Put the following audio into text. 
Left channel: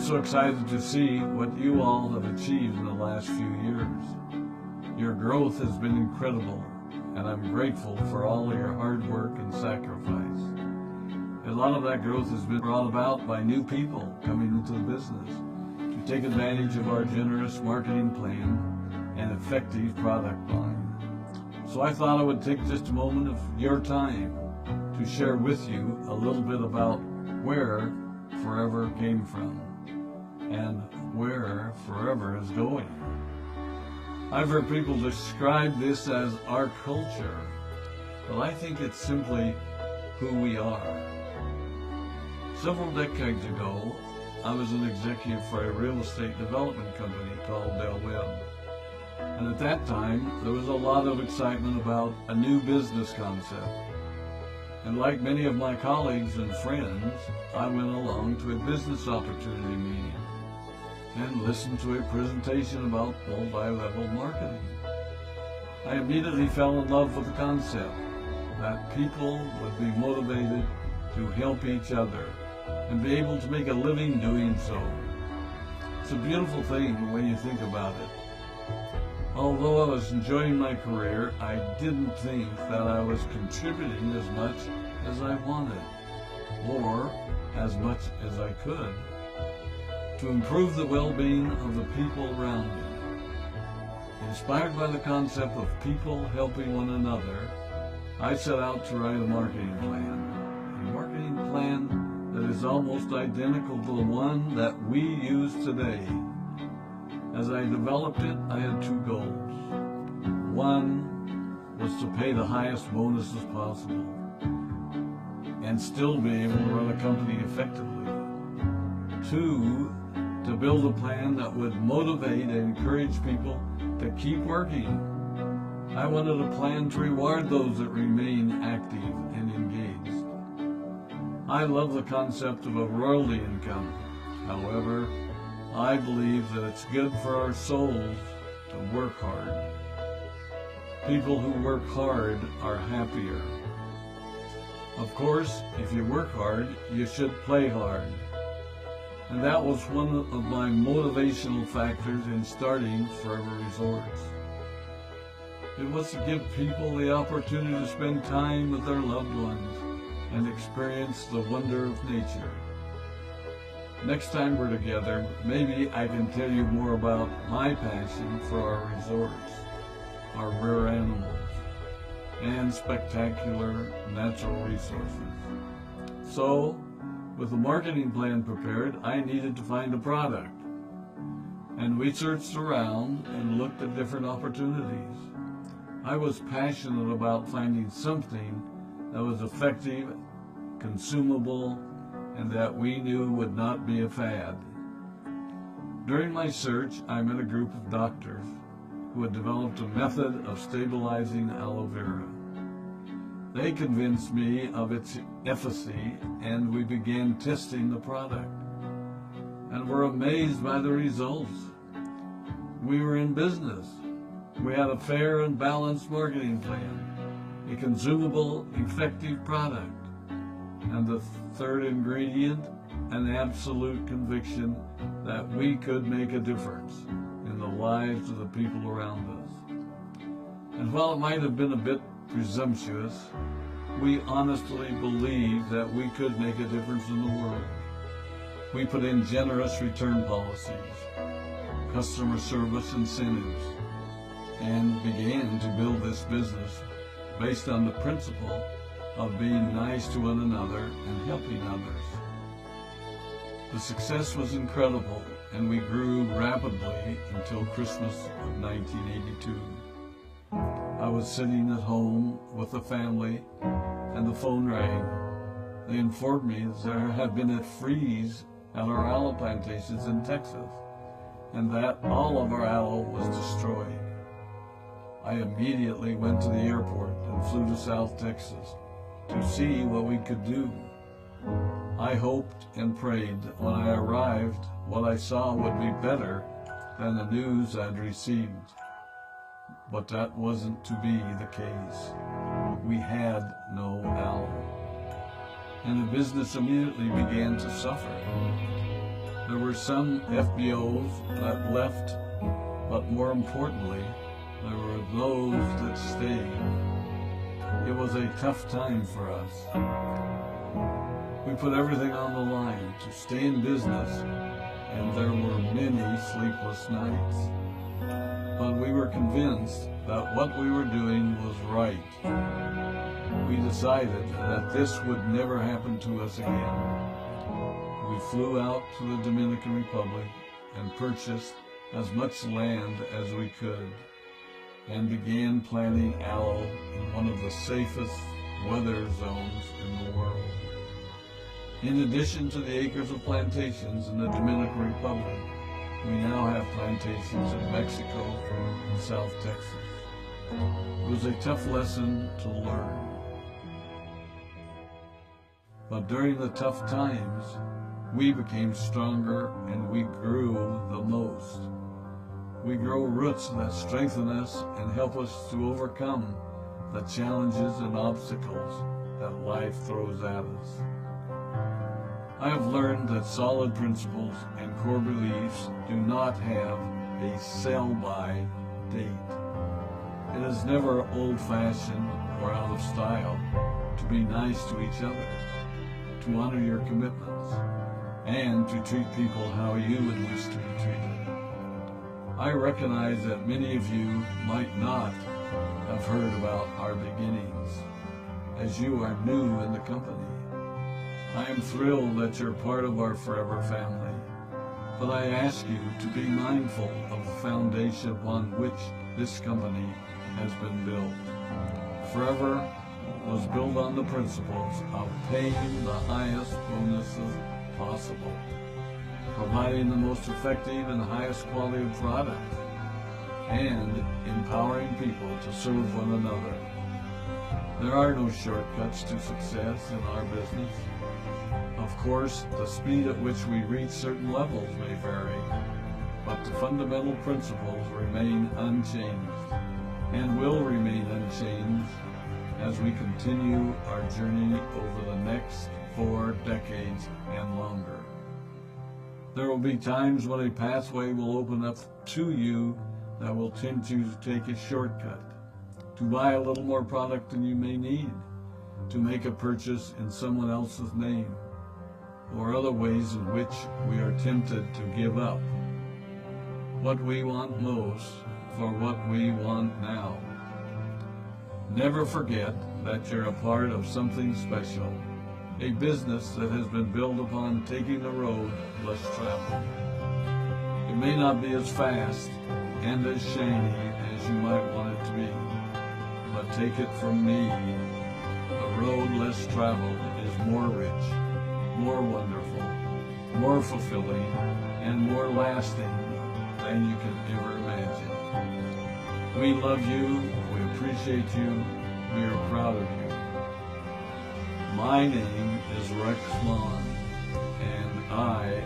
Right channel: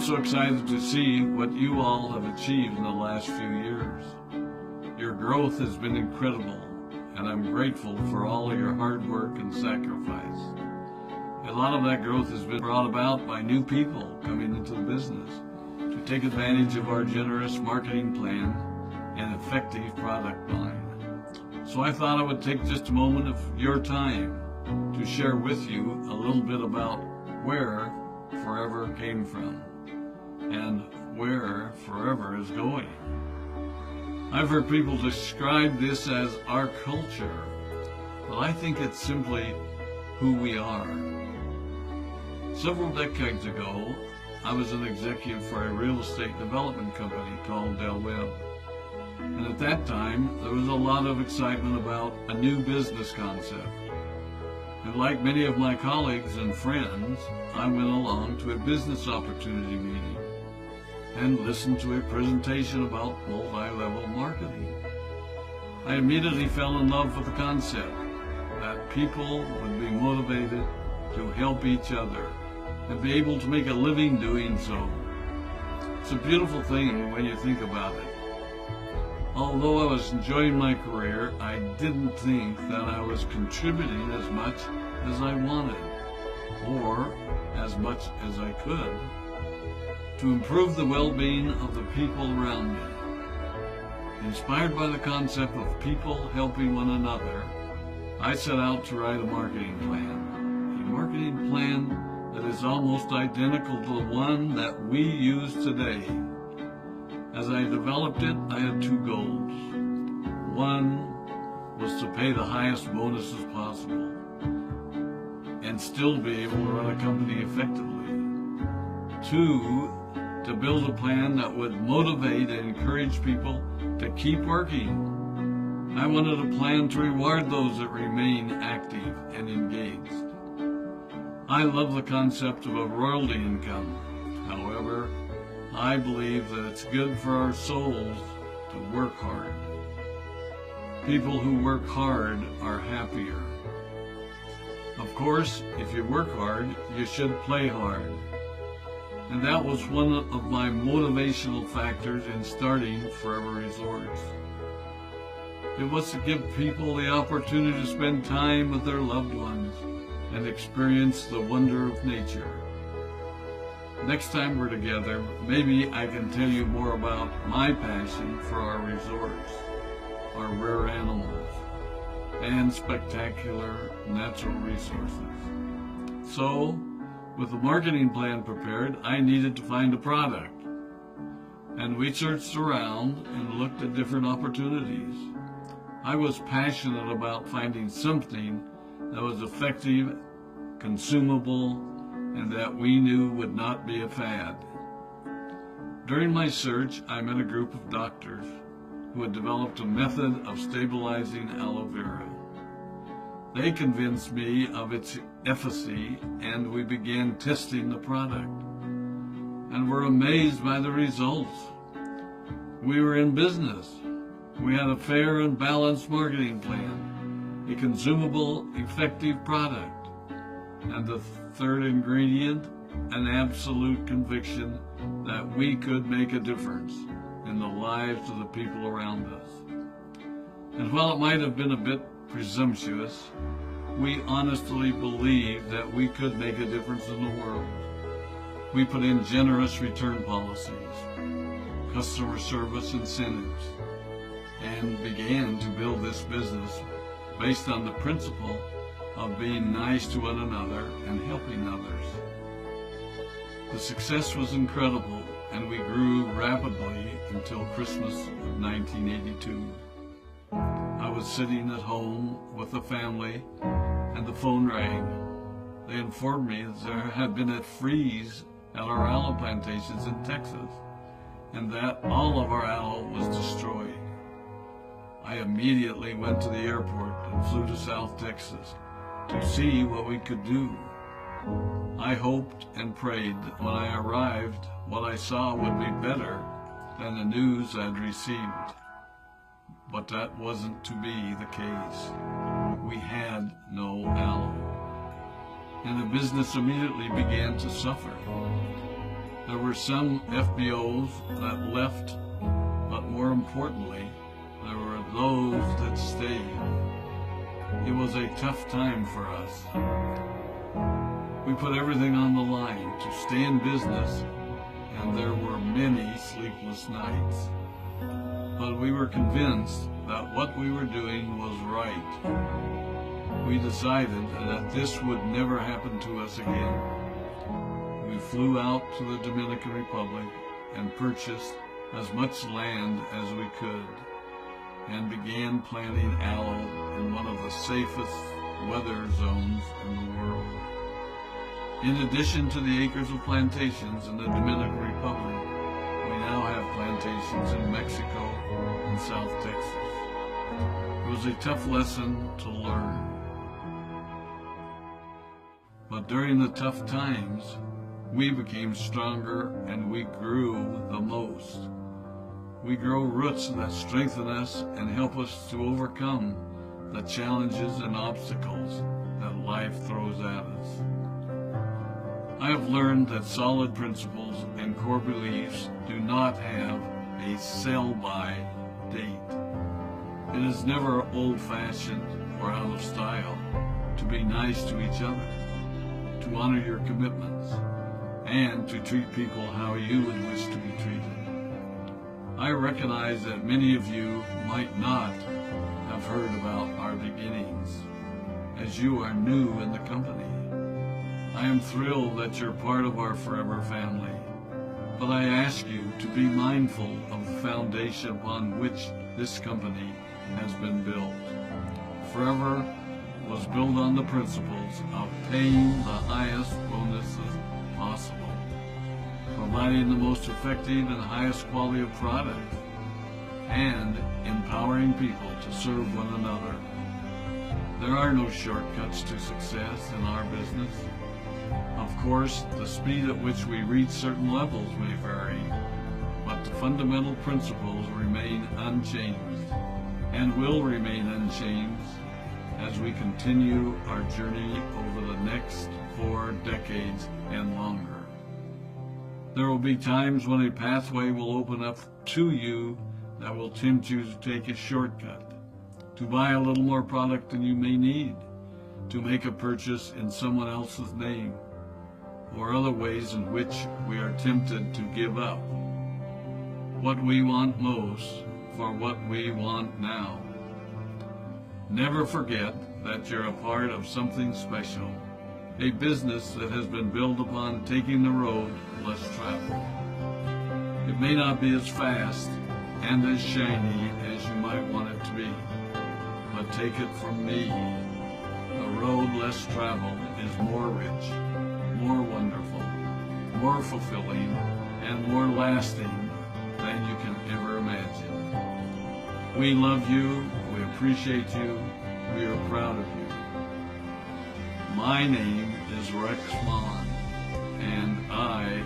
so excited to see what you all have achieved in the last few years. Your growth has been incredible, and I'm grateful for all your hard work and sacrifice. A lot of that growth has been brought about by new people coming into the business to take advantage of our generous marketing plan and effective product line. So I thought I would take just a moment of your time to share with you a little bit about where Forever came from and where Forever is going. I've heard people describe this as our culture, but I think it's simply who we are. Several decades ago, I was an executive for a real estate development company called Del Webb. And at that time, there was a lot of excitement about a new business concept. And like many of my colleagues and friends, I went along to a business opportunity meeting and listened to a presentation about multi-level marketing. I immediately fell in love with the concept that people would be motivated to help each other and be able to make a living doing so. It's a beautiful thing when you think about it. Although I was enjoying my career, I didn't think that I was contributing as much as I wanted, or as much as I could, to improve the well-being of the people around me. Inspired by the concept of people helping one another, I set out to write a marketing plan that is almost identical to the one that we use today. As I developed it, I had two goals. One was to pay the highest bonuses possible and still be able to run a company effectively. Two, to build a plan that would motivate and encourage people to keep working. I wanted a plan to reward those that remain active and engaged. I love the concept of a royalty income. However, I believe that it's good for our souls to work hard. People who work hard are happier. Of course, if you work hard, you should play hard. And that was one of my motivational factors in starting Forever Resorts. It was to give people the opportunity to spend time with their loved ones and experience the wonder of nature. Next time we're together, maybe I can tell you more about my passion for our resorts, our rare animals, and spectacular natural resources. So, with the marketing plan prepared, I needed to find a product. And we searched around and looked at different opportunities. I was passionate about finding something that was effective, consumable, and that we knew would not be a fad. During my search, I met a group of doctors who had developed a method of stabilizing aloe vera. They convinced me of its efficacy, and we began testing the product, and were amazed by the results. We were in business. We had a fair and balanced marketing plan, a consumable, effective product, and the third ingredient, an absolute conviction that we could make a difference in the lives of the people around us. And while it might have been a bit presumptuous, we honestly believed that we could make a difference in the world. We put in generous return policies, customer service incentives, and began to build this business based on the principle of being nice to one another and helping others. The success was incredible, and we grew rapidly until Christmas of 1982. I was sitting at home with the family, and the phone rang. They informed me that there had been a freeze at our aloe plantations in Texas, and that all of our aloe was destroyed. I immediately went to the airport and flew to South Texas to see what we could do. I hoped and prayed that when I arrived, what I saw would be better than the news I'd received. But that wasn't to be the case. We had no aloe, and the business immediately began to suffer. There were were some FBOs that left, but more importantly, there were those that stayed. It was a tough time for us. We put everything on the line to stay in business, and there were many sleepless nights. But we were convinced that what we were doing was right. We decided that this would never happen to us again. We flew out to the Dominican Republic and purchased as much land as we could, and began planting aloe in one of the safest weather zones in the world. In addition to the acres of plantations in the Dominican Republic, we now have plantations in Mexico and South Texas. It was a tough lesson to learn. But during the tough times, we became stronger and we grew the most. We grow roots that strengthen us and help us to overcome the challenges and obstacles that life throws at us. I have learned that solid principles and core beliefs do not have a sell-by date. It is never old-fashioned or out of style to be nice to each other, to honor your commitments, and to treat people how you would wish to be treated. I recognize that many of you might not have heard about our beginnings, as you are new in the company. I am thrilled that you're part of our forever family, but I ask you to be mindful of the foundation upon which this company has been built. Forever was built on the principles of paying the highest bonuses possible, providing the most effective and highest quality of product, and empowering people to serve one another. There are no shortcuts to success in our business. Of course, the speed at which we reach certain levels may vary, but the fundamental principles remain unchanged and will remain unchanged as we continue our journey over the next 4 decades and longer. There will be times when a pathway will open up to you that will tempt you to take a shortcut, to buy a little more product than you may need, to make a purchase in someone else's name, or other ways in which we are tempted to give up what we want most for what we want now. Never forget that you're a part of something special, a business that has been built upon taking the road less traveled. It may not be as fast and as shiny as you might want it to be, but take it from me, the road less traveled is more rich, more wonderful, more fulfilling, and more lasting than you can ever imagine. We love you, we appreciate you, we are proud of you. My name is Rex Maughan, and I